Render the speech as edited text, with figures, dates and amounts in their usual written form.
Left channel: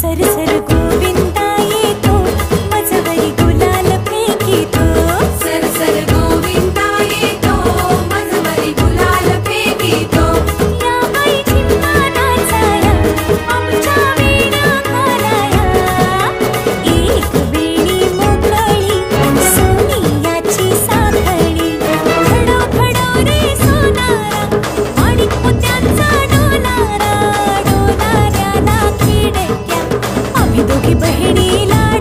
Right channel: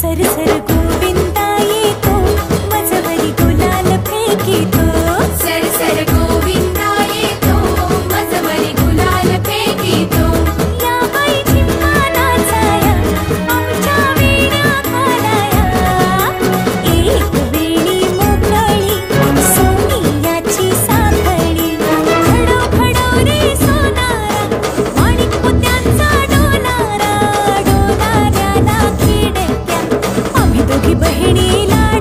सरसर गोविंदा येतो मजवरी गुलाल फेकितो सरसर गोविंदा येतो मजवरी गुलाल फेकितो या बाई झिम्मा नाचाया आमच्या वेण्या घालाया एक वेणी मोकळी सोनियाची साखळी खडो खडो रे सोनारा माणिक मोत्यांचा डोलारा डोलाऱ्याला खिडक्या आम्ही दोघी बहिणी लाड